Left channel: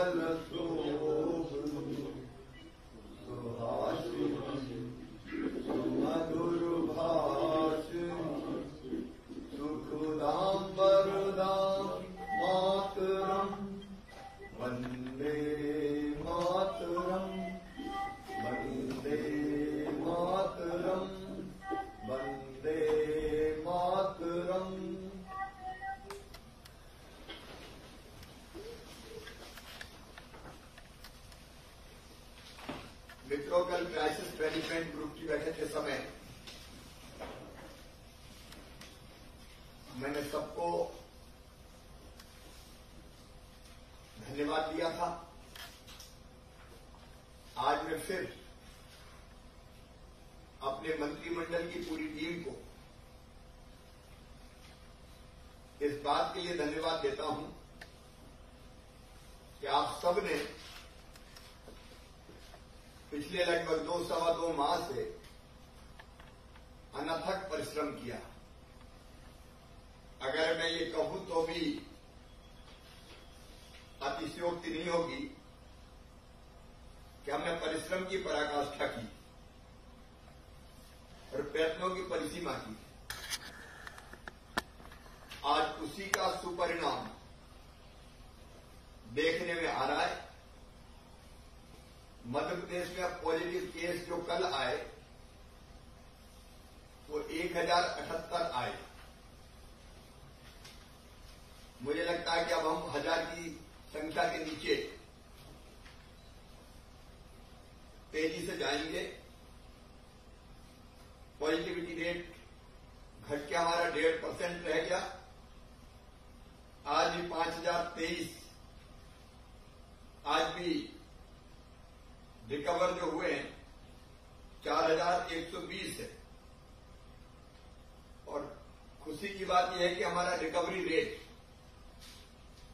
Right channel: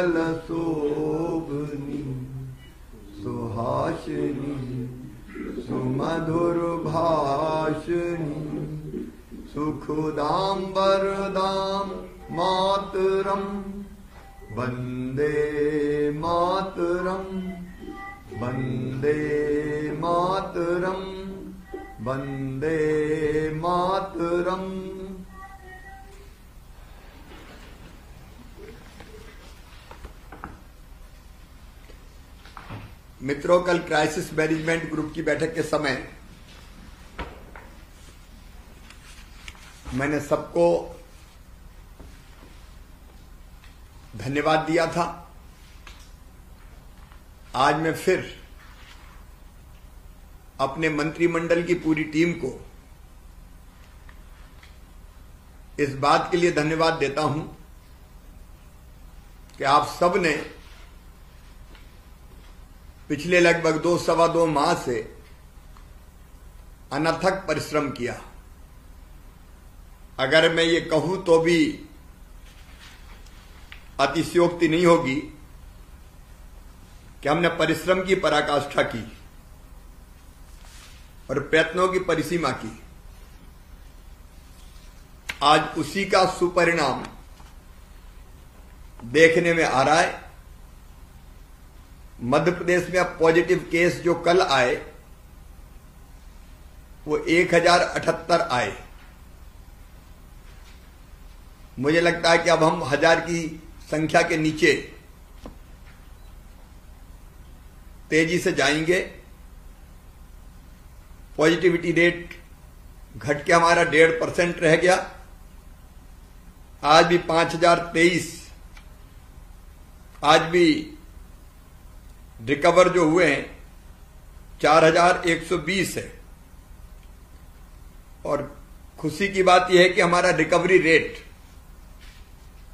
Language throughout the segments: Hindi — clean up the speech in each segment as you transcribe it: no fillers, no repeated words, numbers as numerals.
कमल शोभनी सुहासिनी सुमधुर भाषिणी सुखदाम वरदाम मातरम वंदे मातरम वंदे मातरम वंदे मातरम। मित्रों, कल क्राइसिस मैनेजमेंट ग्रुप की बैठक के समय मैंने सबको धन्यवाद दिया था। आज मैं फिर अपने मंत्रिमंडल की पूरी टीम को इस बात के लिए धन्यवाद देता हूं कि आप सब ने पिछले लगभग 2-2.25 माह से अनथक परिश्रम किया। अगर मैं ये कहूं तो भी अतिशयोक्ति नहीं होगी कि हमने परिश्रम की पराकाष्ठा की और प्रयत्नों की परिसीमा की। आज उसी का सुपरिणाम देखने में आ रहा है। मध्य प्रदेश में अब पॉजिटिव केस जो कल आए वो 1078 आए। मुझे लगता है कि अब हम 1000 की संख्या के नीचे तेजी से जाएंगे। पॉजिटिविटी रेट घट के हमारा 1.5% रह गया। आज भी 5023, आज भी रिकवर जो हुए हैं 4120 है। और खुशी की बात यह है कि हमारा रिकवरी रेट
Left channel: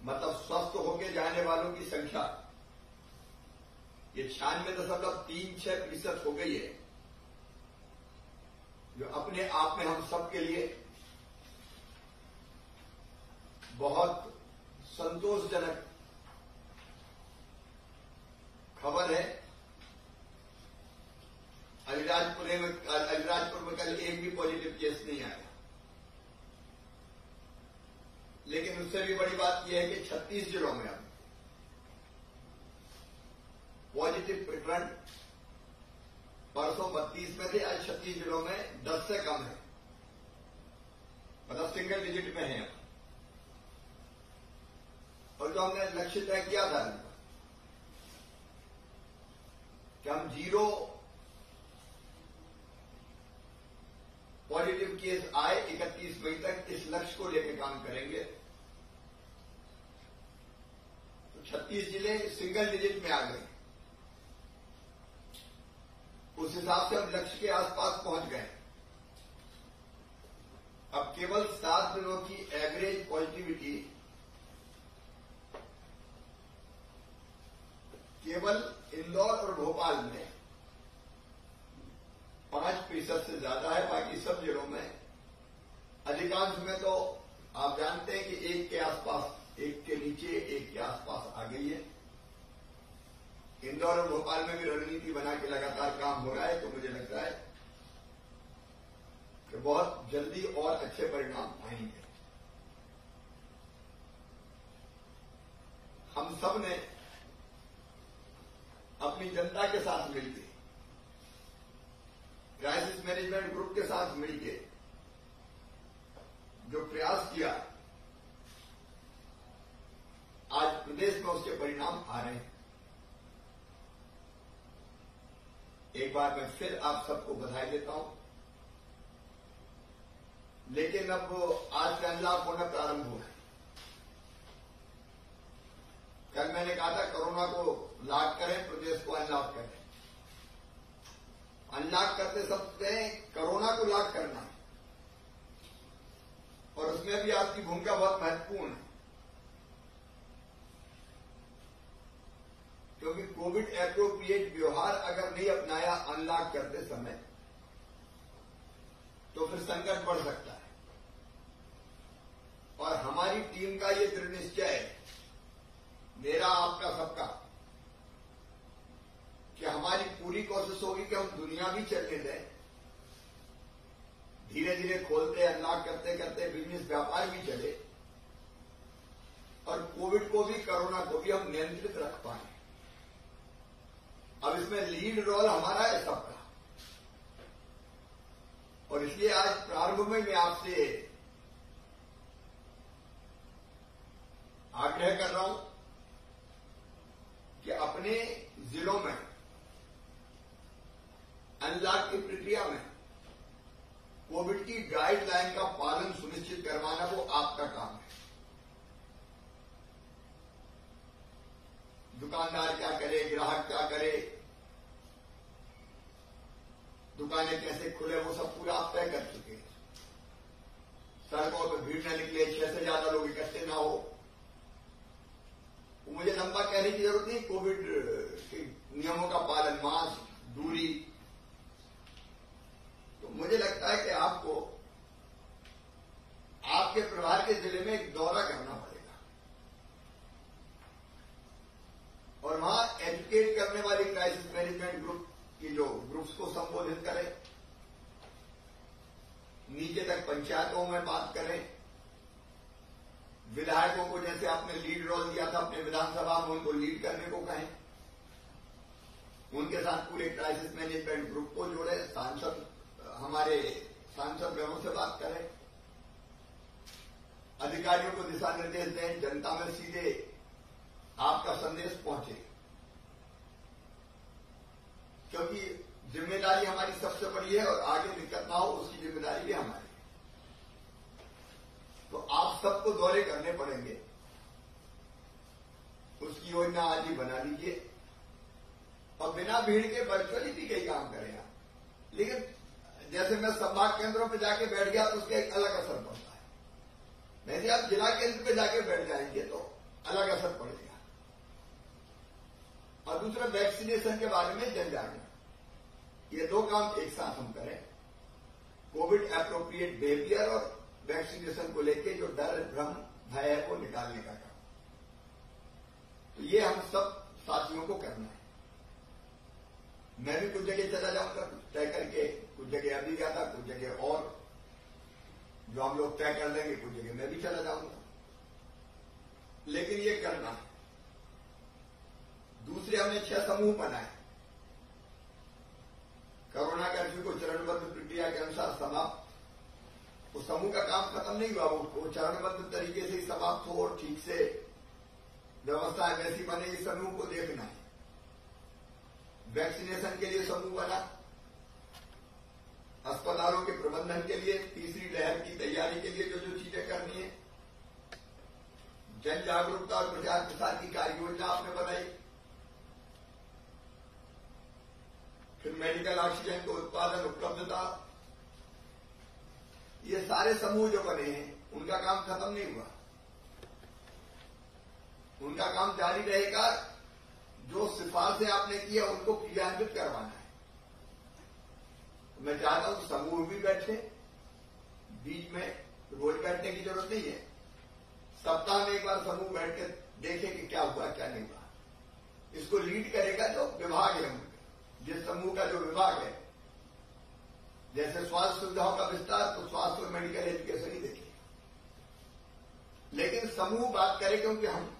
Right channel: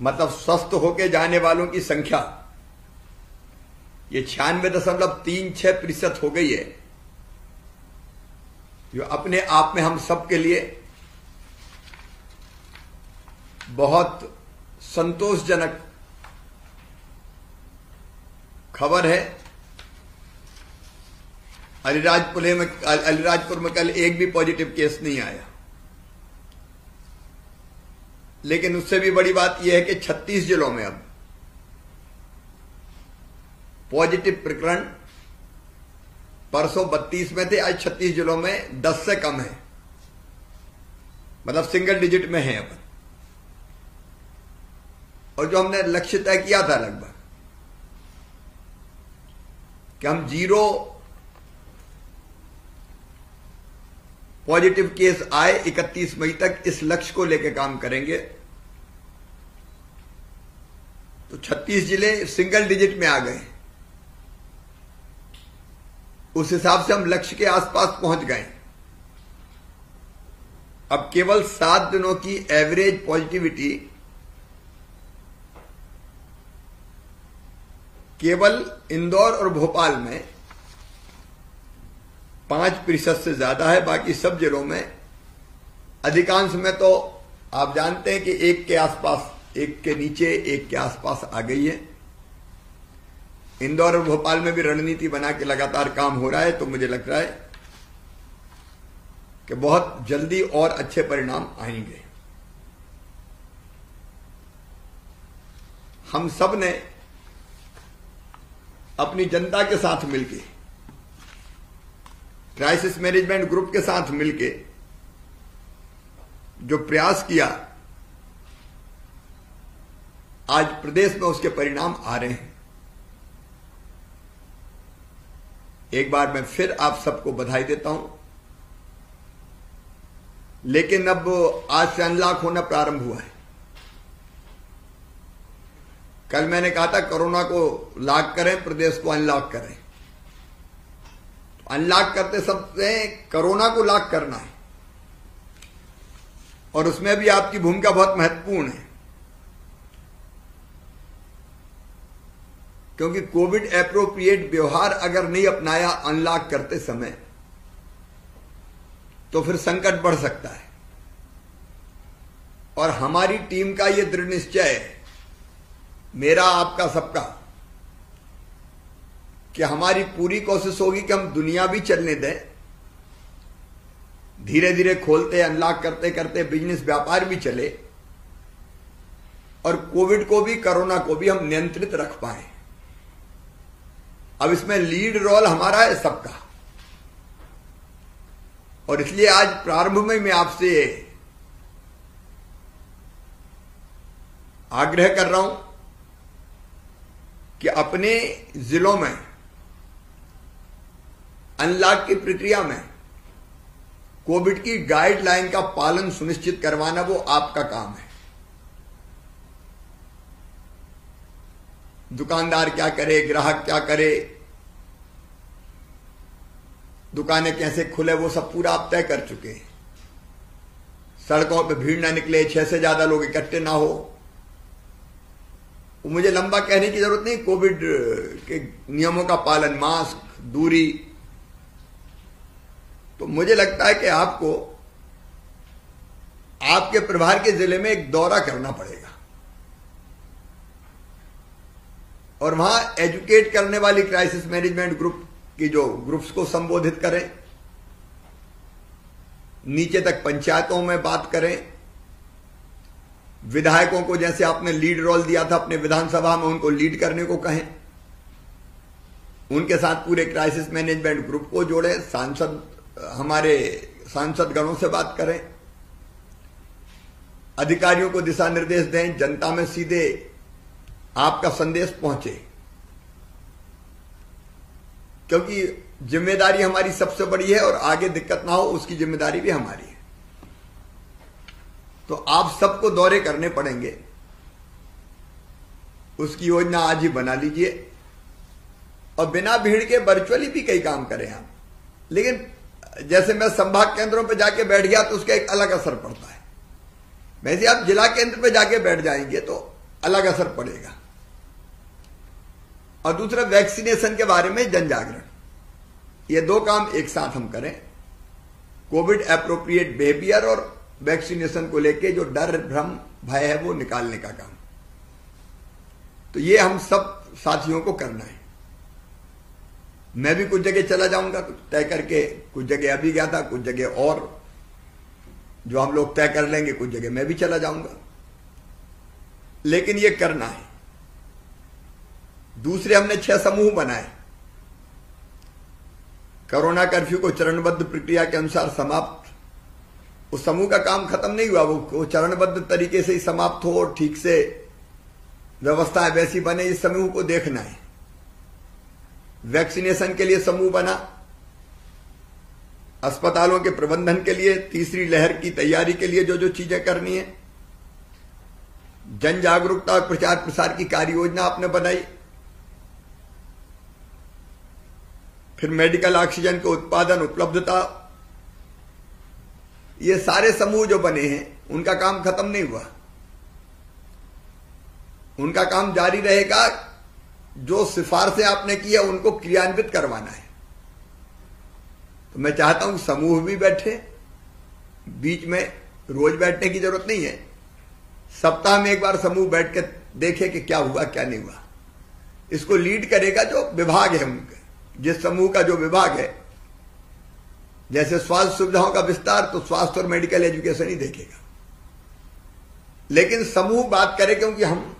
मतलब स्वस्थ होके जाने वालों की संख्या ये 96.36% हो गई है, जो अपने आप में हम सबके लिए बहुत संतोषजनक खबर है। अलीराजपुर में कल एक भी पॉजिटिव केस नहीं आया, लेकिन उससे भी बड़ी बात यह है कि 36 जिलों में अब पॉजिटिव प्रकरण परसों 32 में थे, आज 36 जिलों में 10 से कम है, मतलब सिंगल डिजिट में है अब। और जो हमने लक्ष्य तय किया था लगभग कि हम 0 पॉजिटिव केस आए 31 मई तक, इस लक्ष्य को लेकर काम करेंगे। तो 36 जिले सिंगल डिजिट में आ गए। उस हिसाब से हम लक्ष्य के आसपास पहुंच गए। अब केवल 7 दिनों की एवरेज पॉजिटिविटी केवल इंदौर और भोपाल में 5% से ज्यादा है। बाकी सब जिलों में, अधिकांश में तो आप जानते हैं कि 1 के आसपास, 1 के नीचे, 1 के आसपास आ गई है। इंदौर और भोपाल में भी रणनीति बना के लगातार काम हो रहा है। तो मुझे लग रहा है कि बहुत जल्दी और अच्छे परिणाम आएंगे। हम सब ने अपनी जनता के साथ मिलकर, क्राइसिस मैनेजमेंट ग्रुप के साथ मिलकर जो प्रयास किया, आज प्रदेश में उसके परिणाम आ रहे हैं। एक बार मैं फिर आप सबको बधाई देता हूं। लेकिन अब आज से अनलॉक होना प्रारंभ हुआ है। कल मैंने कहा था कोरोना को लॉक करें, प्रदेश को अनलॉक करें। अनलॉक करते सबसे कोरोना को लॉक करना है, और उसमें भी आपकी भूमिका बहुत महत्वपूर्ण है, क्योंकि कोविड एप्रोप्रिएट व्यवहार अगर नहीं अपनाया अनलॉक करते समय तो फिर संकट बढ़ सकता है। और हमारी टीम का यह दृढ़ निश्चय है मेरा, आपका, सबका, कि हमारी पूरी कोशिश होगी कि हम दुनिया भी चलने दें, धीरे धीरे खोलते अनलॉक करते करते बिजनेस व्यापार भी चले और कोविड को भी, कोरोना को भी हम नियंत्रित रख पाए। अब इसमें लीड रोल हमारा है, सबका। और इसलिए आज प्रारंभ में मैं आपसे आग्रह कर रहा हूं कि अपने जिलों में अनलॉक की प्रक्रिया में कोविड की गाइडलाइन का पालन सुनिश्चित करवाना वो आपका काम है। दुकानदार क्या करे, ग्राहक क्या करे, दुकानें कैसे खुले, वो सब पूरा आप तय कर चुके हैं। सड़कों पे भीड़ ना निकले, 6 से ज्यादा लोग इकट्ठे ना हो। मुझे लंबा कहने की जरूरत नहीं, कोविड के नियमों का पालन, मास्क, दूरी। तो मुझे लगता है कि आपको आपके प्रभार के जिले में एक दौरा करना पड़ेगा और वहां एजुकेट करने वाली क्राइसिस मैनेजमेंट ग्रुप की जो ग्रुप्स को संबोधित करें, नीचे तक पंचायतों में बात करें, विधायकों को जैसे आपने लीड रोल दिया था अपने विधानसभा में, उनको लीड करने को कहें, उनके साथ पूरे क्राइसिस मैनेजमेंट ग्रुप को जोड़े, हमारे सांसद गणों से बात करें, अधिकारियों को दिशा निर्देश दें, जनता में सीधे आपका संदेश पहुंचे। क्योंकि जिम्मेदारी हमारी सबसे बड़ी है और आगे दिक्कत ना हो उसकी जिम्मेदारी भी हमारी है। तो आप सबको दौरे करने पड़ेंगे, उसकी योजना आज ही बना लीजिए और बिना भीड़ के वर्चुअली भी कई काम करें आप। लेकिन जैसे मैं संभाग केंद्रों पर जाके बैठ गया तो उसका एक अलग असर पड़ता है, वैसे आप जिला केंद्र पे जाके बैठ जाएंगे तो अलग असर पड़ेगा। और दूसरा, वैक्सीनेशन के बारे में जन जागरण, ये 2 काम एक साथ हम करें। कोविड एप्रोप्रिएट बिहेवियर और वैक्सीनेशन को लेके जो डर, भ्रम, भय है वो निकालने का काम, तो ये हम सब साथियों को करना है। मैं भी कुछ जगह चला जाऊंगा तय करके, कुछ जगह अभी गया था, कुछ जगह और जो हम लोग तय कर लेंगे, कुछ जगह मैं भी चला जाऊंगा, लेकिन ये करना है। दूसरे, हमने 6 समूह बनाए। कोरोना कर्फ्यू को चरणबद्ध प्रक्रिया के अनुसार समाप्त, उस समूह का काम खत्म नहीं हुआ, वो चरणबद्ध तरीके से ही समाप्त हो और ठीक से व्यवस्थाएं वैसी बने, इस समूह को देखना है। वैक्सीनेशन के लिए समूह बना, अस्पतालों के प्रबंधन के लिए, तीसरी लहर की तैयारी के लिए जो जो चीजें करनी है, जन जागरूकता और प्रचार प्रसार की कार्य योजना आपने बनाई, फिर मेडिकल ऑक्सीजन के उत्पादन, उपलब्धता, ये सारे समूह जो बने हैं उनका काम खत्म नहीं हुआ, उनका काम जारी रहेगा। जो सिफारिशें आपने की है उनको क्रियान्वित करवाना है। तो मैं चाहता हूं समूह भी बैठे, बीच में रोज बैठने की जरूरत नहीं है, सप्ताह में एक बार समूह बैठ के देखे कि क्या हुआ क्या नहीं हुआ। इसको लीड करेगा जो विभाग है उनके, जिस समूह का जो विभाग है, जैसे स्वास्थ्य सुविधाओं का विस्तार तो स्वास्थ्य और मेडिकल एजुकेशन ही देखेगा, लेकिन समूह बात करे, क्योंकि हम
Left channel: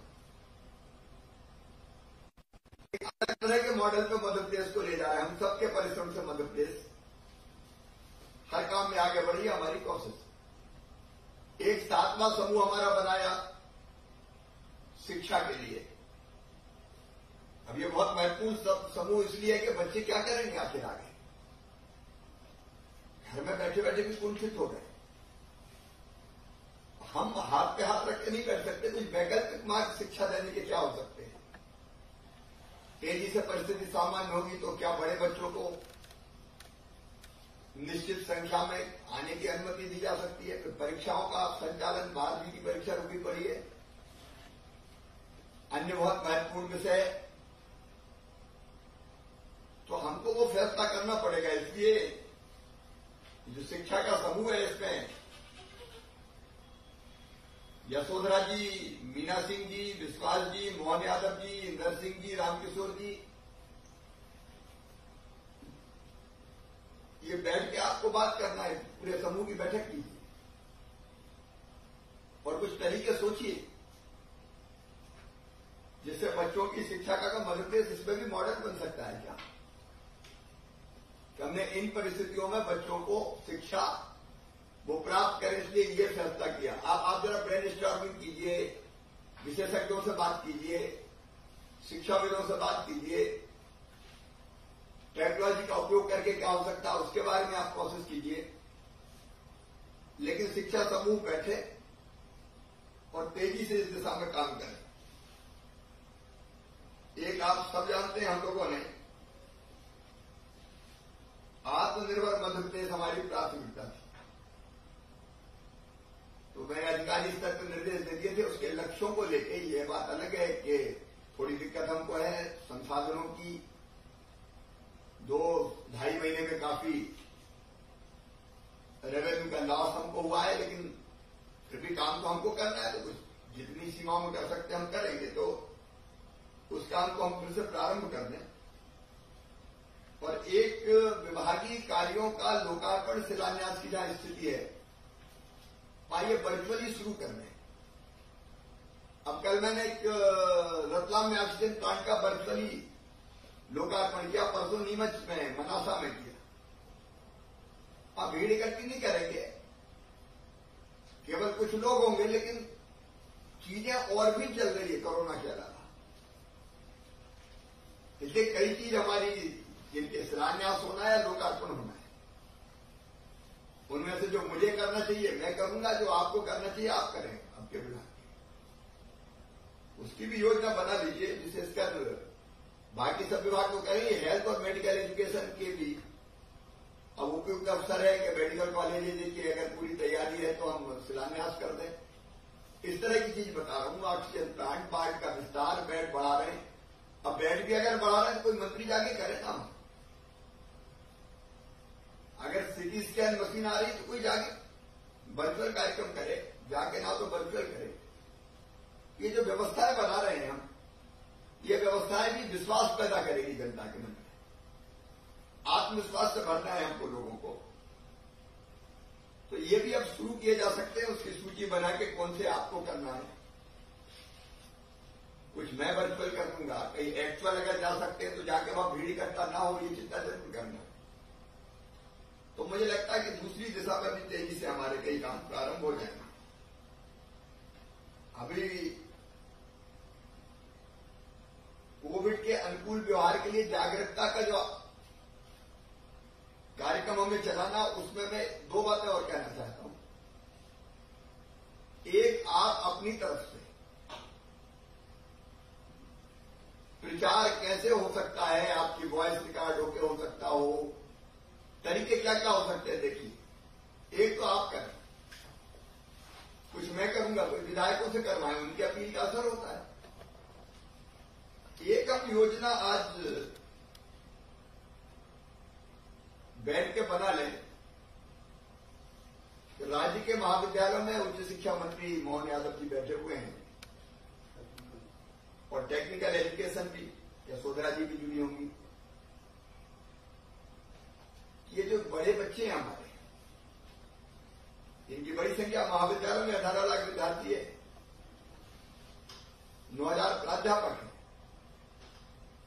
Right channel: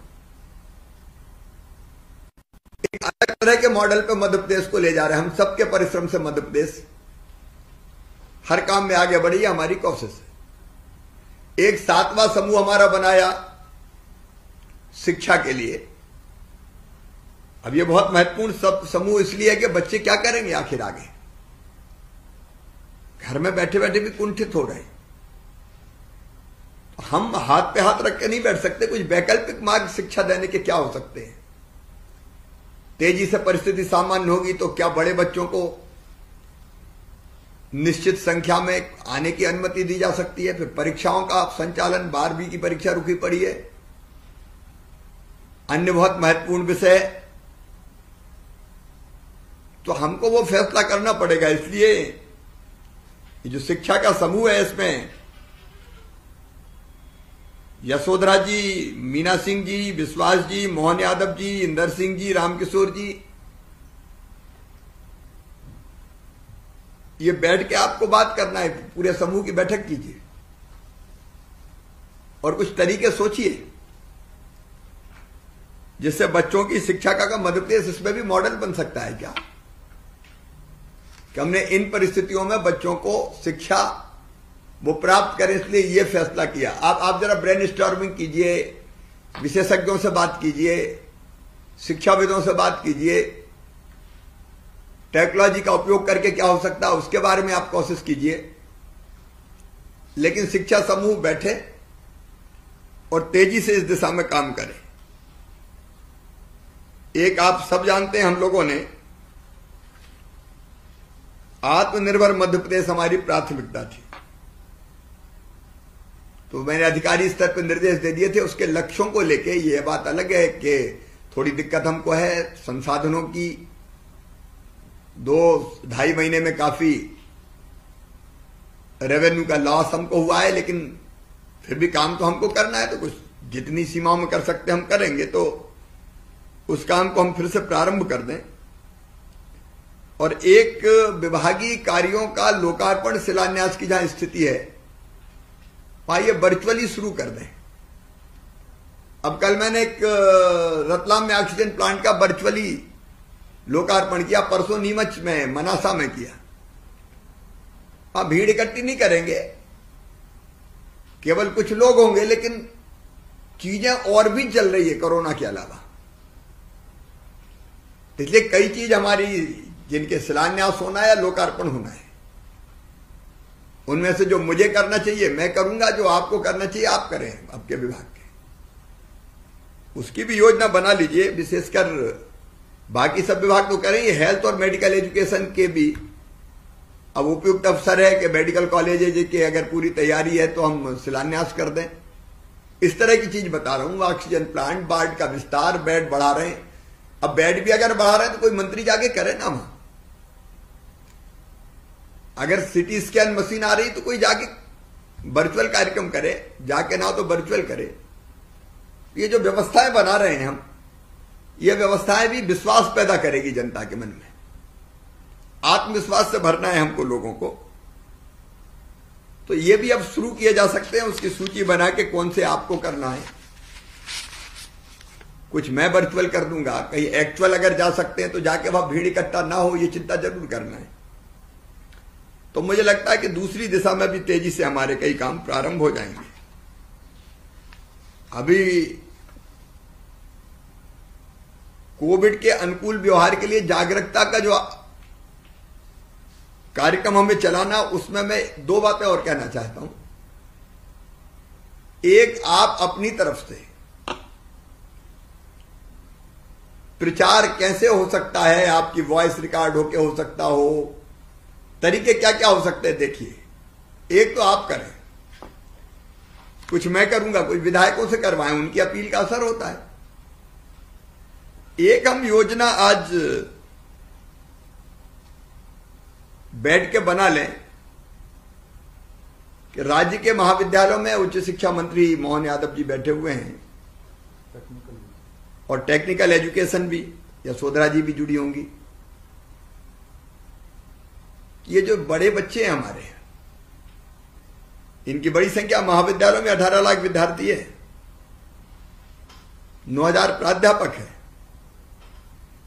एक अलग तरह के मॉडल पे मध्य प्रदेश को ले जा रहे हैं। हम सबके परिश्रम से मध्य प्रदेश हर काम में आगे बढ़ी है, हमारी कोशिश है। एक 7वां समूह हमारा बनाया शिक्षा के लिए। अब ये बहुत महत्वपूर्ण समूह इसलिए है कि बच्चे क्या करेंगे आखिर आगे, घर में बैठे बैठे भी कुंठित हो रहे हैं। हम हाथ पे हाथ रख के नहीं बैठ सकते, कुछ वैकल्पिक मार्ग शिक्षा देने के क्या हो सकते हैं। तेजी से परिस्थिति सामान्य होगी तो क्या बड़े बच्चों को निश्चित संख्या में आने की अनुमति दी जा सकती है। फिर परीक्षाओं का संचालन, 12वीं की परीक्षा रुकी पड़ी है, अन्य बहुत महत्वपूर्ण विषय, तो हमको वो फैसला करना पड़ेगा। इसलिए ये जो शिक्षा का समूह है इसमें यशोधरा जी, मीना सिंह जी, विश्वास जी, मोहन यादव जी, इंदर सिंह जी, रामकिशोर जी, ये बैठ के आपको बात करना है, पूरे समूह की बैठक कीजिए और कुछ तरीके सोचिए जिससे बच्चों की शिक्षा का मध्य प्रदेश इसमें भी मॉडल बन सकता है क्या, कि हमने इन परिस्थितियों में बच्चों को शिक्षा वो प्राप्त करें, इसलिए ये फैसला किया। आप जरा ब्रेन स्टॉर्मिंग कीजिए, विशेषज्ञों से बात कीजिए, शिक्षाविदों से बात कीजिए, टेक्नोलॉजी का उपयोग करके क्या हो सकता है उसके बारे में आप कोशिश कीजिए। लेकिन शिक्षा समूह बैठे और तेजी से इस दिशा में काम करें। एक आप सब जानते हैं, हम लोगों ने आत्मनिर्भर मध्य प्रदेश हमारी प्राथमिकता थी, तो मैंने अधिकारी स्तर पर निर्देश दे दिए थे। उसके लक्ष्यों को लेके ये बात अलग है कि थोड़ी दिक्कत हमको है संसाधनों की, 2-2.5 महीने में काफी रेवेन्यू का लॉस हमको हुआ है, लेकिन फिर भी काम तो हमको करना है, तो कुछ जितनी सीमाओं में कर सकते हम करेंगे, तो उस काम को हम फिर से प्रारंभ कर दें और एक विभागीय कार्यों का लोकार्पण शिलान्यास की जहां स्थिति है वहां ये वर्चुअली शुरू कर दें। अब कल मैंने एक रतलाम में ऑक्सीजन प्लांट का वर्चुअली लोकार्पण किया, परसों नीमच में मनासा में किया। वहां भीड़ इकट्ठी नहीं करेंगे, केवल कुछ लोग होंगे, लेकिन चीजें और भी चल रही है कोरोना के अलावा। इसलिए कई चीज हमारी जिनके शिलान्यास होना है या लोकार्पण होना है, उनमें से जो मुझे करना चाहिए मैं करूंगा, जो आपको करना चाहिए आप करें आपके विभाग के, उसकी भी योजना बना लीजिए। विशेषकर बाकी सब विभाग तो करें, ये हेल्थ और मेडिकल एजुकेशन के भी अब उपयुक्त अवसर है कि मेडिकल कॉलेज की अगर पूरी तैयारी है तो हम शिलान्यास कर दें। इस तरह की चीज बता रहा हूं। ऑक्सीजन प्लांट, वार्ड का विस्तार, बेड बढ़ा रहे हैं। अब बेड भी अगर बढ़ा रहे हैं तो कोई मंत्री जाके करे ना वहां। अगर सीटी स्कैन मशीन आ रही तो कोई जाके वर्चुअल कार्यक्रम करे, जाके ना हो तो वर्चुअल करे। ये जो व्यवस्थाएं बना रहे हैं हम, ये व्यवस्थाएं भी विश्वास पैदा करेगी जनता के मन में, आत्मविश्वास से भरना है हमको लोगों को। तो ये भी अब शुरू किए जा सकते हैं, उसकी सूची बना के कौन से आपको करना है। कुछ मैं वर्चुअल कर दूंगा, कहीं एक्चुअल अगर जा सकते हैं तो जाके वहां भीड़ इकट्ठा ना हो, ये चिंता जरूर करना है। तो मुझे लगता है कि दूसरी दिशा में भी तेजी से हमारे कई काम प्रारंभ हो जाएंगे। अभी कोविड के अनुकूल व्यवहार के लिए जागरूकता का जो कार्यक्रम हमें चलाना, उसमें मैं 2 बातें और कहना चाहता हूं। एक, आप अपनी तरफ से प्रचार कैसे हो सकता है, आपकी वॉइस रिकॉर्ड होके हो सकता हो, तरीके क्या क्या हो सकते हैं देखिए। एक तो आप करें, कुछ मैं करूंगा, कुछ विधायकों से करवाएं, उनकी अपील का असर होता है। एक हम योजना आज बैठ के बना लें कि राज्य के महाविद्यालयों में उच्च शिक्षा मंत्री मोहन यादव जी बैठे हुए हैं और टेक्निकल एजुकेशन भी, यशोधरा जी भी जुड़ी होंगी। ये जो बड़े बच्चे हैं हमारे, इनकी बड़ी संख्या महाविद्यालयों में 18 लाख विद्यार्थी है, 9,000 प्राध्यापक है।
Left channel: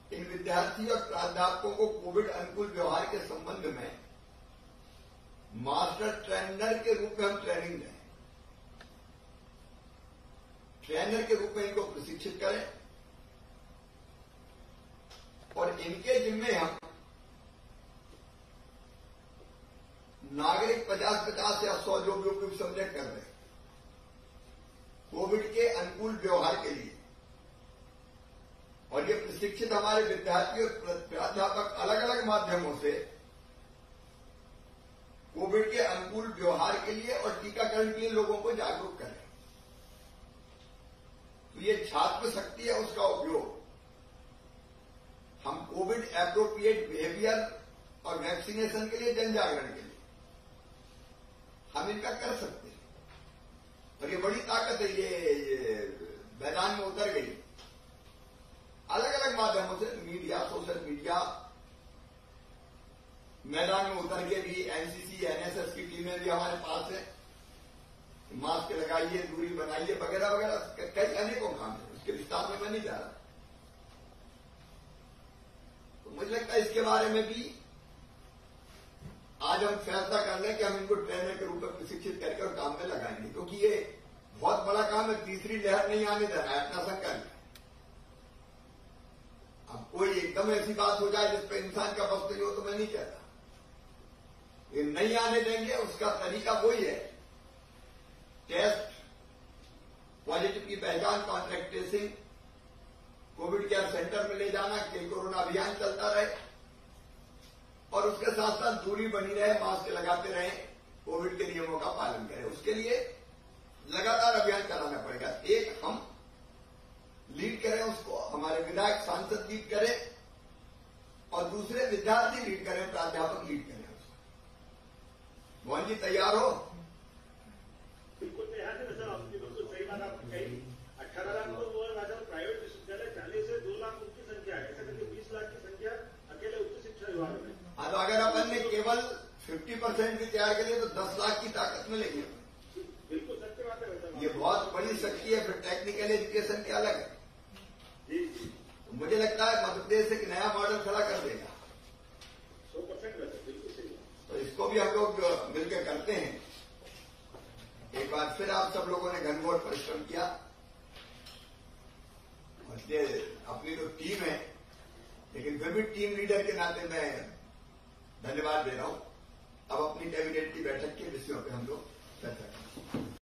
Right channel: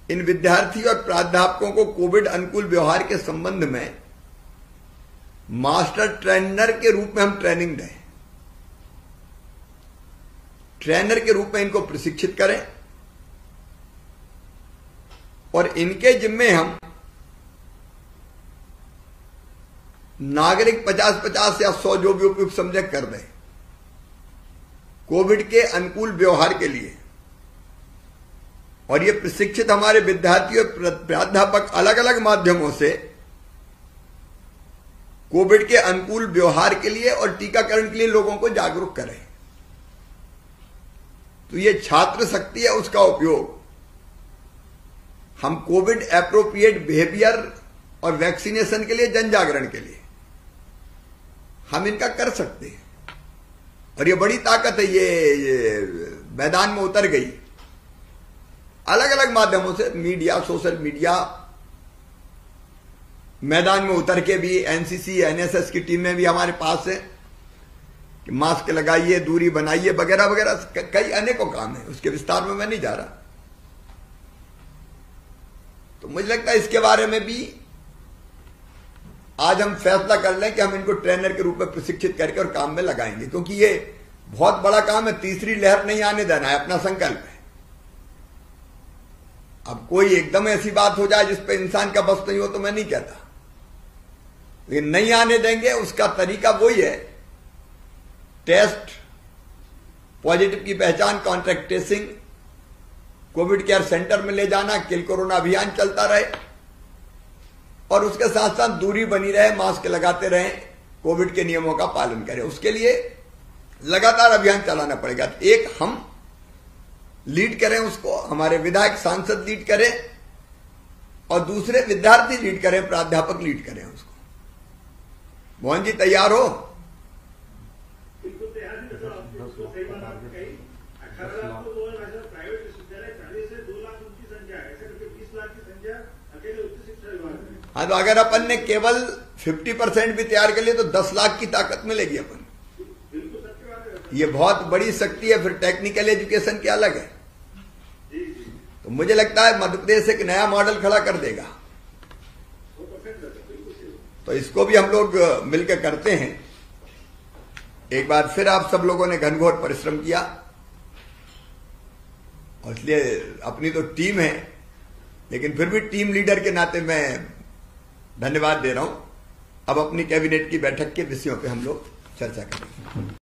इन विद्यार्थी और प्राध्यापकों को कोविड अनुकूल व्यवहार के संबंध में मास्टर ट्रेनर के रूप में हम ट्रेनिंग दें, ट्रेनर के रूप में इनको प्रशिक्षित करें और इनके जिम्मे हम नागरिक 50-50 या 100 जो भी उपयुक्त समझे कर दें कोविड के अनुकूल व्यवहार के लिए। और ये प्रशिक्षित हमारे विद्यार्थी और प्राध्यापक अलग अलग माध्यमों से कोविड के अनुकूल व्यवहार के लिए और टीकाकरण के लिए लोगों को जागरूक करें। तो ये छात्र शक्ति है, उसका उपयोग हम कोविड एप्रोप्रिएट बिहेवियर और वैक्सीनेशन के लिए, जन जागरण के लिए हम इनका कर सकते हैं। और ये बड़ी ताकत है, ये मैदान में उतर गई अलग अलग माध्यमों से, मीडिया, सोशल मीडिया, मैदान में उतर के भी एनसीसी एनएसएस की टीमें भी हमारे पास है कि मास्क लगाइए, दूरी बनाइए, वगैरह वगैरह कई अनेकों काम है, उसके विस्तार में मैं नहीं जा रहा। तो मुझे लगता है इसके बारे में भी आज हम फैसला कर लें कि हम इनको ट्रेनर के रूप में प्रशिक्षित करके और काम में लगाएंगे, क्योंकि ये बहुत बड़ा काम है, तीसरी लहर नहीं आने देना है, अपना संकल्प है। अब कोई एकदम ऐसी बात हो जाए जिस पे इंसान का बस नहीं हो तो मैं नहीं कहता, लेकिन नहीं आने देंगे। उसका तरीका वही है, टेस्ट, पॉजिटिव की पहचान, contract tracing, Covid care centre में ले जाना, किल कोरोना अभियान चलता रहे और उसके साथ साथ दूरी बनी रहे, मास्क लगाते रहे, कोविड के नियमों का पालन करें। उसके लिए लगातार अभियान चलाना पड़ेगा। एक हम लीड करें उसको, हमारे विधायक सांसद लीड करें, और दूसरे विद्यार्थी लीड करें, प्राध्यापक लीड करें उसको। मोहन जी तैयार हो? बिल्कुल तैयार है सर, आपको सही बात आपने कही। 18 लाख तो प्राइवेट विश्वविद्यालय जाने से 2 लाख उनकी संख्या है, ऐसा करके 20 लाख की संख्या अकेले उच्च शिक्षा विभाग में। हाँ, तो अगर अपन ने केवल 50% भी तैयार कर लिया तो 10 लाख की ताकत मिलेगी अपन। बिल्कुल सत्य बात है। ये बहुत बड़ी शक्ति है। फिर टेक्निकल एजुकेशन क्या अलग है। तो मुझे लगता है मध्य प्रदेश एक नया मॉडल खड़ा कर देगा, तो इसको भी हम लोग मिलकर करते हैं। एक बार फिर आप सब लोगों ने घनघोर परिश्रम किया, और इसलिए अपनी तो टीम है, लेकिन फिर भी टीम लीडर के नाते मैं धन्यवाद दे रहा हूं। अब अपनी कैबिनेट की बैठक के विषयों पे हम लोग चर्चा करेंगे।